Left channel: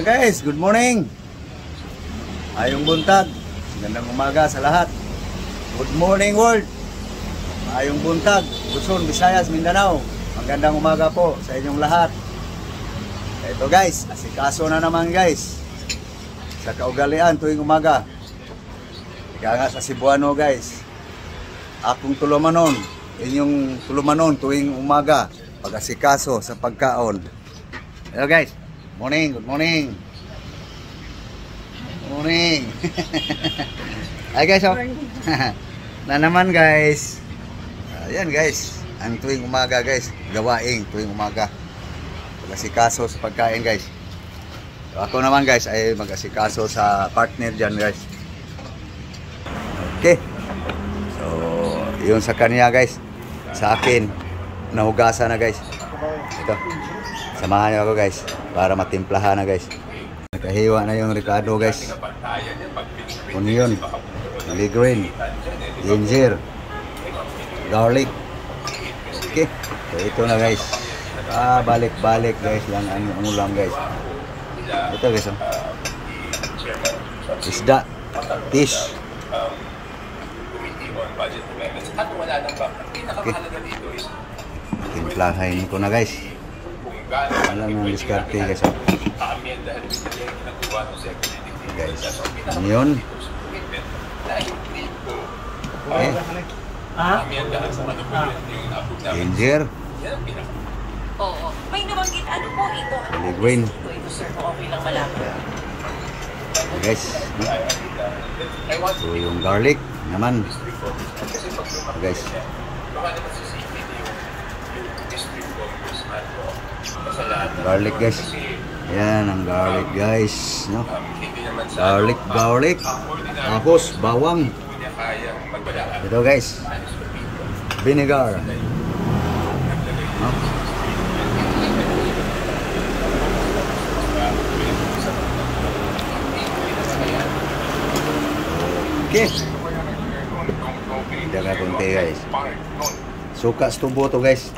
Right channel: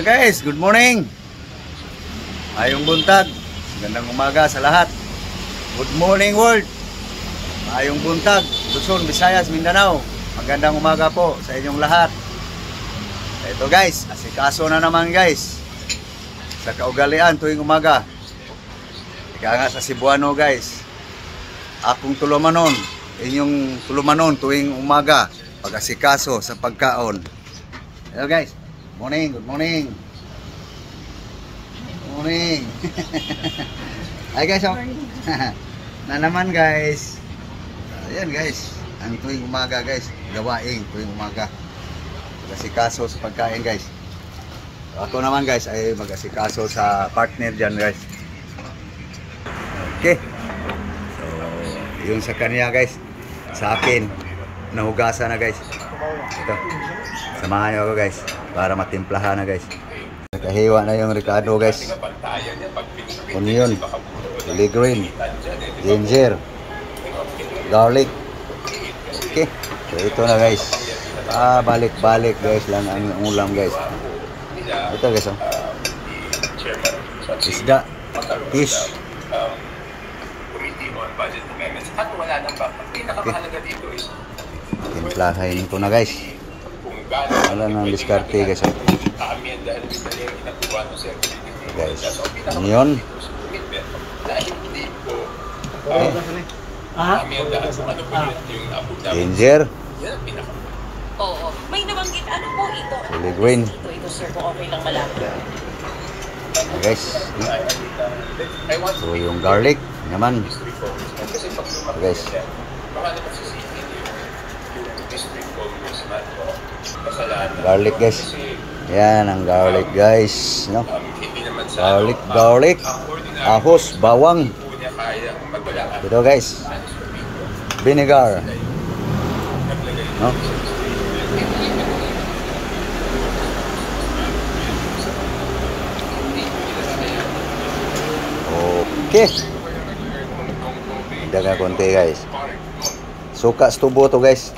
So guys, good morning. Ayong buntag. Magandang umaga sa lahat. Good morning world. Ayong buntag, Luzon, Visayas, Mindanao. Magandang umaga po sa inyong lahat. Ito guys, asikaso na naman guys. Sa kaugalian tuwing umaga. Ika nga sa Cebuano guys. Akong tulumanon, inyong tulumanon tuwing umaga. Pag-asikaso sa pagkaon. Hello guys. Morning, good morning. Good morning. Hi guys, oh. Na naman guys. Ayan guys, ang tuwing umaga guys, gawaing tuwing umaga. Mag-asikaso sa pagkain guys. Ako naman guys ay mag-asikaso sa partner dyan guys. Okay. So, yun sa kanya guys. Sa akin, nahugasan na guys. Ito. Samahan niyo ako guys para matimplahan na guys. Nakahiwa na yung Ricardo guys. Onion, chili green, ginger, garlic. Okay. So ito na guys. Balik-balik guys lang ang ulam guys. Ito guys, oh. Isda, fish. Okay. Timplahin ko na guys. Wala nang diskarte guys, oh. Okay, guys. Onion. Okay. Ginger. May nabanggit ano po ito? Chili green. Okay, guys. So yung garlic naman. Okay, guys. Garlic guys. Yan ang garlic guys, no? Garlic, ahos, bawang. Ito guys. Vinegar. No? Okay. Daga konti guys. Suka stubo to guys.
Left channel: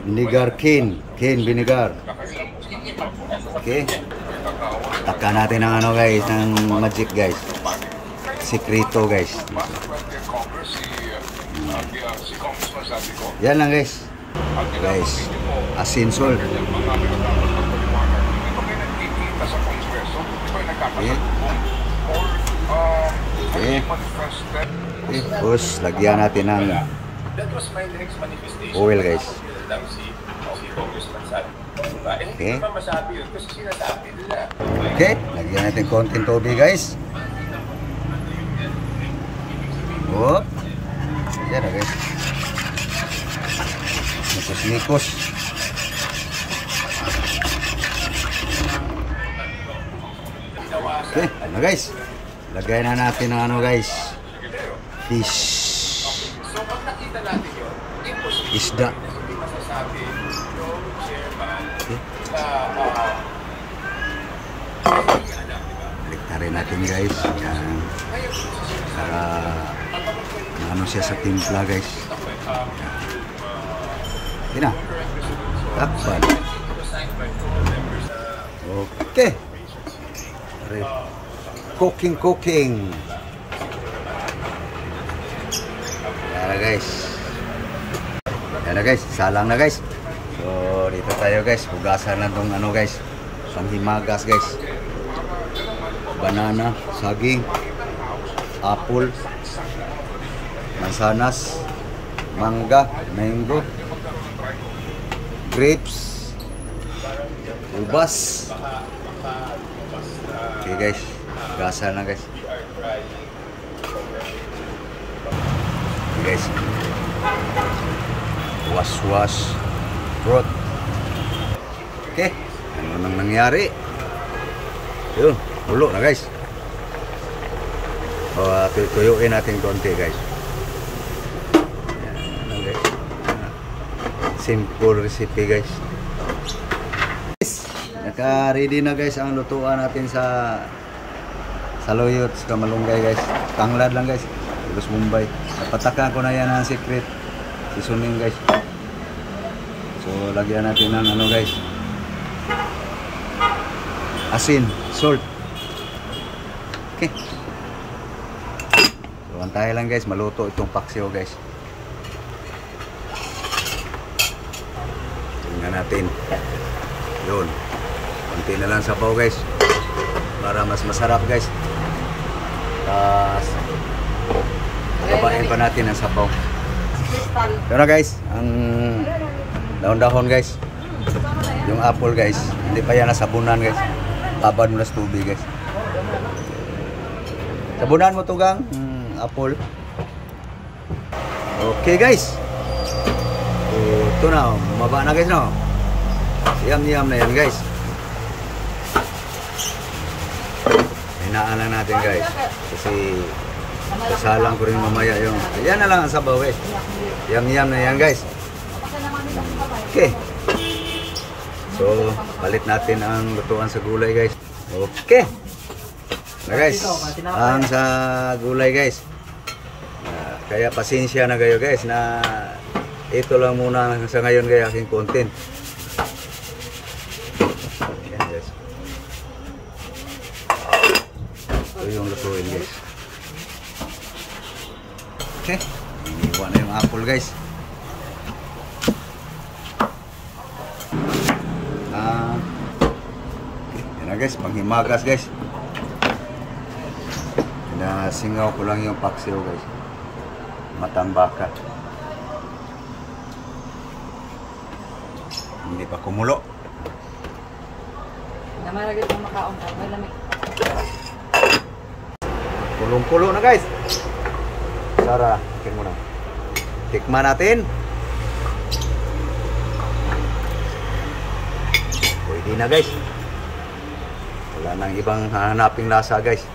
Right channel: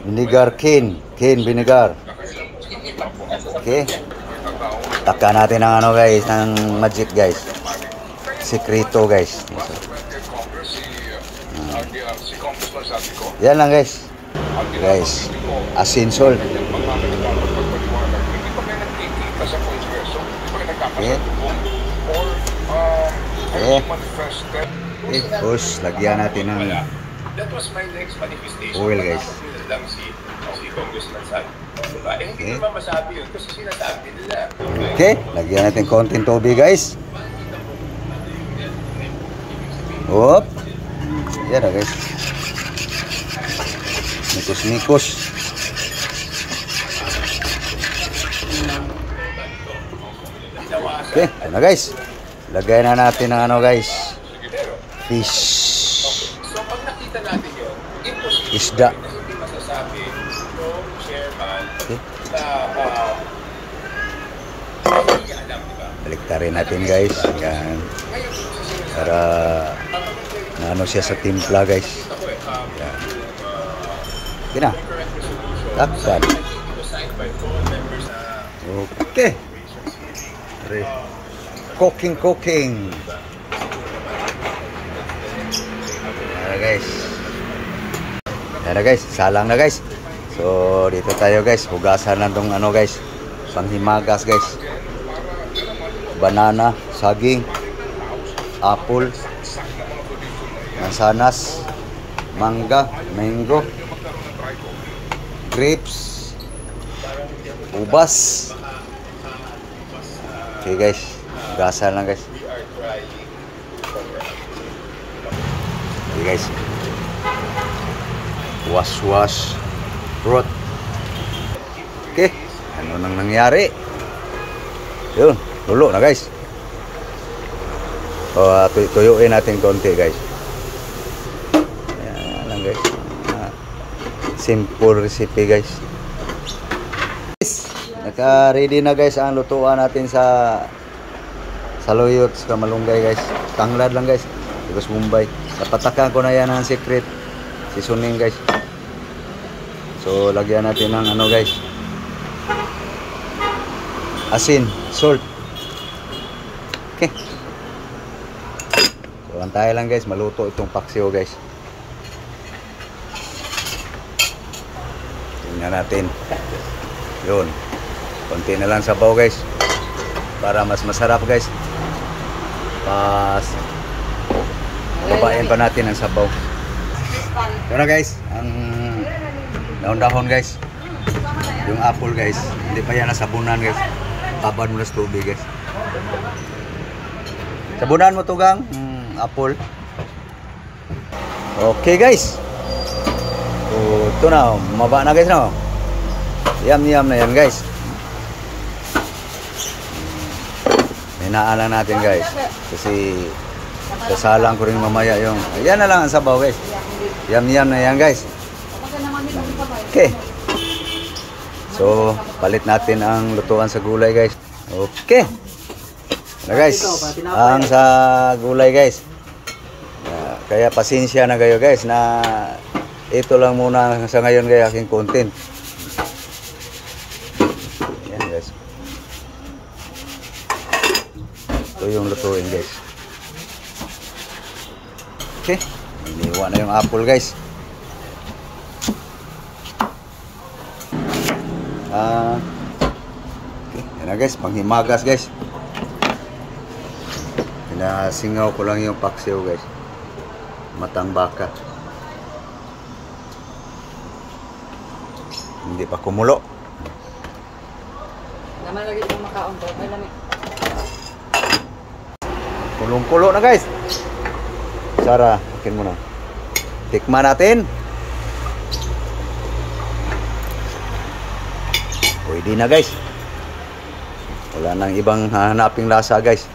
Vinegar cane vinegar. Okay. Taka natin ang ano guys, ng magic guys. Sekreto guys. Yan lang guys. Guys, asin salt. Okay. Okay. Okay. Tapos lagyan natin ng oil guys. Okay. Okay, lagyan natin konting tubig guys. Hop. Yan na guys. Nikos. Okay, yan na guys. Lagyan na natin ng ano guys. Fish. Isda. Okay. Baliktarin natin guys. Yan. Para maano siya sa timpla guys. Yan. Okay na. Takpan. Okay. Cooking. Yan na guys. Yan na guys. Salang na guys. So dito tayo guys. Hugasan lang tong ano guys. Panghimagas guys. Banana, saging, apple, mansanas, mangga, mango, grapes, ubas. Okay guys, gasan lang guys. Okay guys, wash fruit. Okay, ano nang nangyari? Yun, tulo na guys. Tuyuin natin konti guys. Yan lang guys. Simple recipe guys. Naka-ready na guys ang lutuan natin sa saluyot sa malunggay guys. Tanglad lang guys. Tapos Mumbai. Napatakan ko na yan ang secret. Seasoning guys. So lagyan natin ng ano guys. asin, salt. Okay. So, antayin lang guys, maluto itong paksiw guys. Tingnan natin. Yun. Konti na lang sabaw guys. Para mas masarap guys. Babain pa natin ang sabaw. Ito na guys, ang dahon-dahon guys. Yung apple guys, hindi pa yan nasabunan guys. Tabad mo na sa tubig guys. Sabunan mo to gang, apple. Okay guys. Ito na, maba na guys no. Yum na yan guys. Hinaan lang natin guys. Kasi sasalang ko rin mamaya yung, ayan na lang ang sabaw guys. Yum na yan guys. Okay. So, palit natin ang lutuan sa gulay guys. Okay. Na guys, ang sa gulay guys. Kaya pasensya na kayo guys na ito lang muna sa ngayon guys aking content. Ayan guys. Ito yung lutuin guys. Okay. Iniwan na yung apple guys. Yan na guys, panghimagas guys. Pinasingaw ko lang yung paksiw guys. Matang baka. Hindi pa kumulo. Kulong-kulo na guys. Sara, ikin mo na. Tikman natin. Pwede na guys. Wala nang ibang hanaping lasa guys.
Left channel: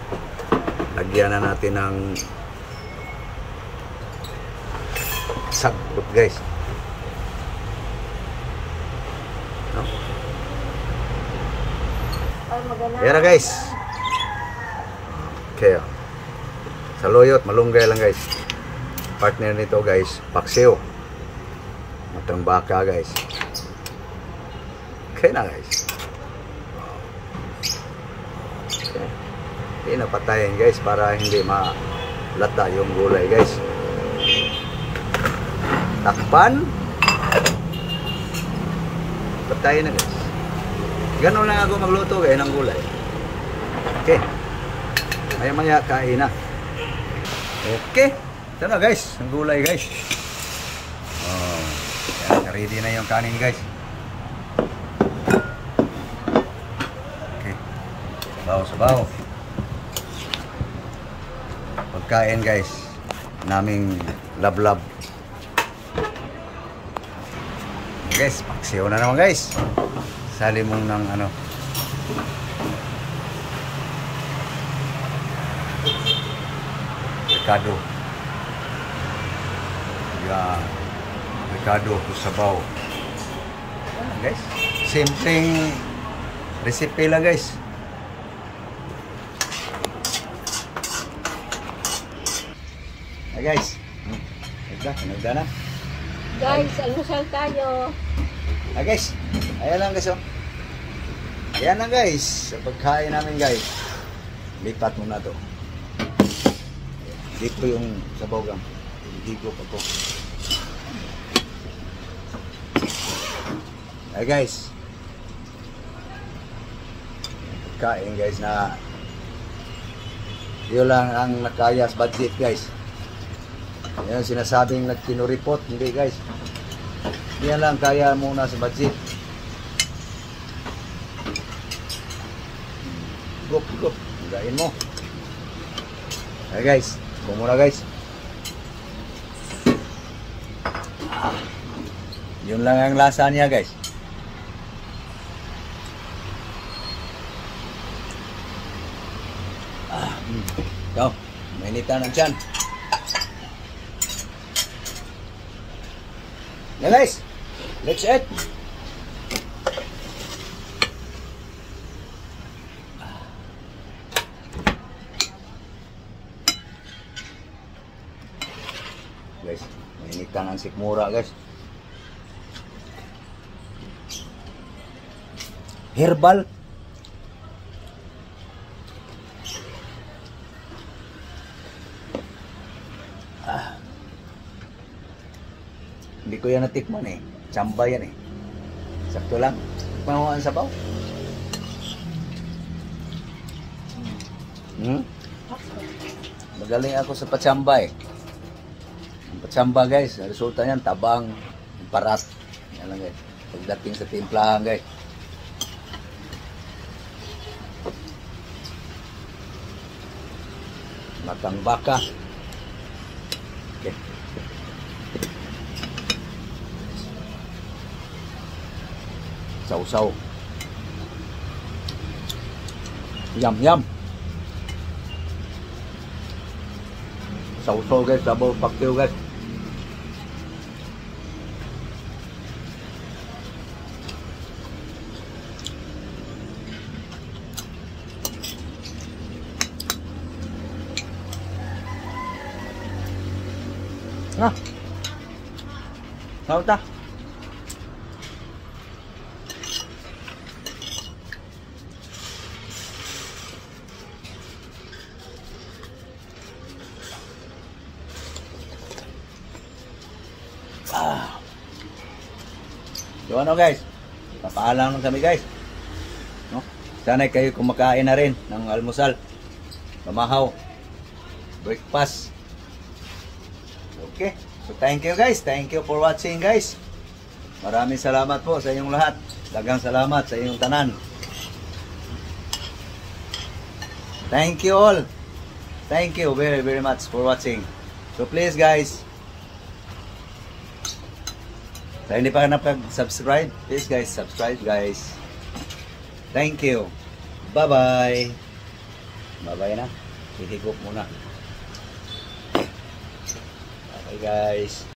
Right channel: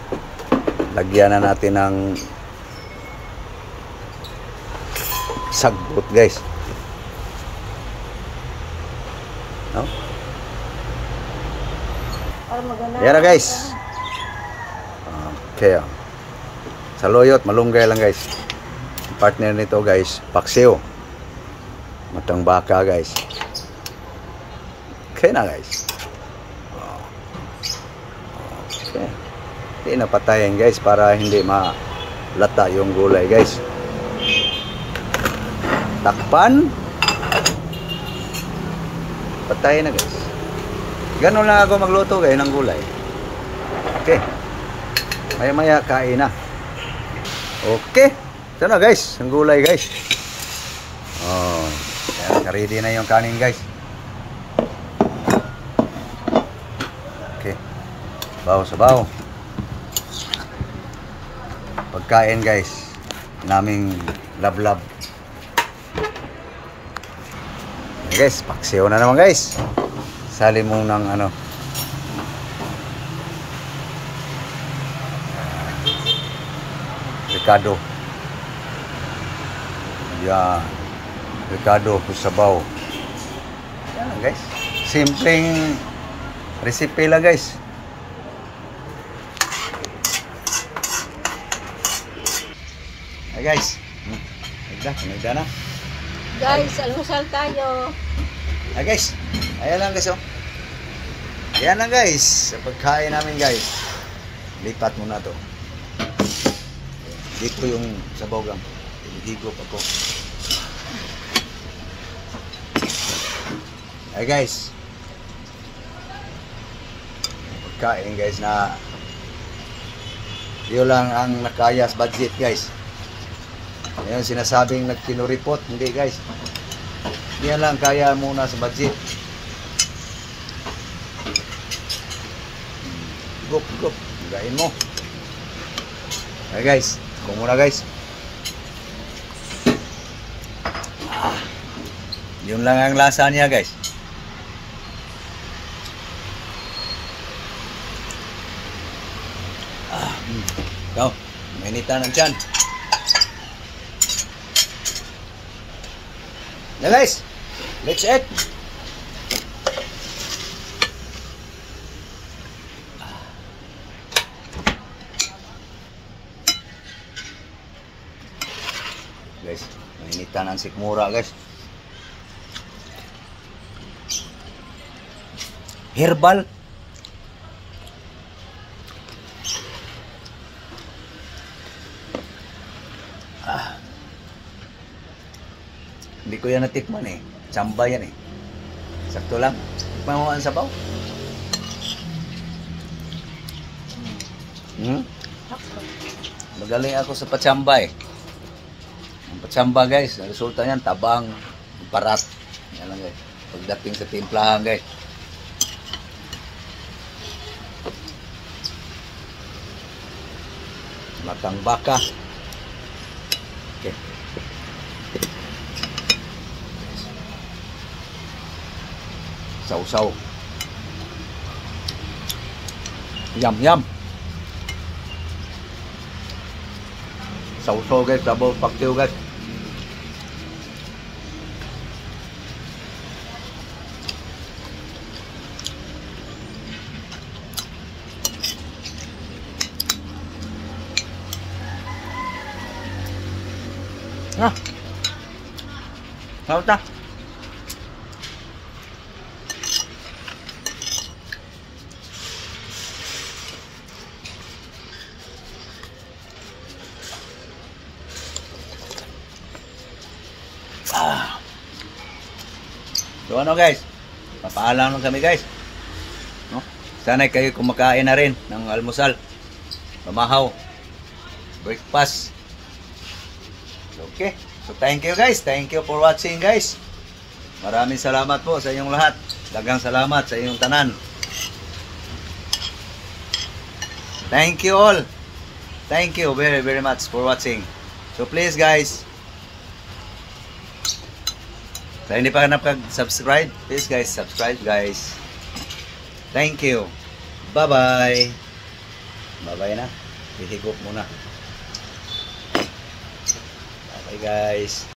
Lagyan na natin ng sagbot guys. No? Yan na guys. Okay. Saluyot, malunggay lang guys. Partner nito guys, paksiw. Matang baka guys. Okay na guys. Okay. Hindi na patayin guys para hindi malata yung gulay guys. Takpan. Patayin na guys. Ganon lang ako magluto guys ng gulay. Okay. Maya kain na. Okay. Ito na guys, ang gulay guys. Oh, ready na yung kanin guys. Okay. Sabaw. Pagkain guys. Naming lab. Guys, paksiw na naman guys. Sali mo ng ano. Ricado. Yeah. Ricado po sabaw. Ayan guys. Simpleng recipe lang guys. Hey guys. Nagda na. Guys, almusal tayo. Guys. Ayan lang guys oh. Ayan lang guys. Sa pagkain namin guys. Lipat muna to. Dito yung sabaw gam. Higop ako. Hey guys. Kain guys na yun lang ang nakaya sa budget guys. Yan sinasabing nagkinuripot. Hindi guys. Yan lang kaya muna sa budget. Higop. Higain mo. Hey guys. Kung muna guys. Yun lang ang lasa niya guys. Ikaw, mainitan ng tiyan. Yeah guys, let's eat. Guys, mainitan ang sikmura guys. Herbal yan natikman eh. Tsamba yan eh. Sakto lang. Tikman mo ang sabaw. Magaling ako sa patsamba eh. Ang patsamba guys, ang resulta niyan, tabang, parat. Yan lang guys. Pagdating sa timplahan guys. Matang baka. Okay. Sausaw. Yum yum. Sausaw guys, sabaw paktiw guys. Ah. Sao ta? Ah. So ano guys? Papaalam lang kami guys. No? Sana kayo kumakain na rin ng almusal. Pamahaw. Breakfast. Okay. So thank you guys. Thank you for watching guys. Maraming salamat po sa inyong lahat. Daghang salamat sa inyong tanan. Thank you all. Thank you very very much for watching. So please guys, sa hindi pa nakapag-subscribe, please guys, subscribe guys. Thank you. Bye-bye. Bye-bye na. Hihigop muna. Bye guys.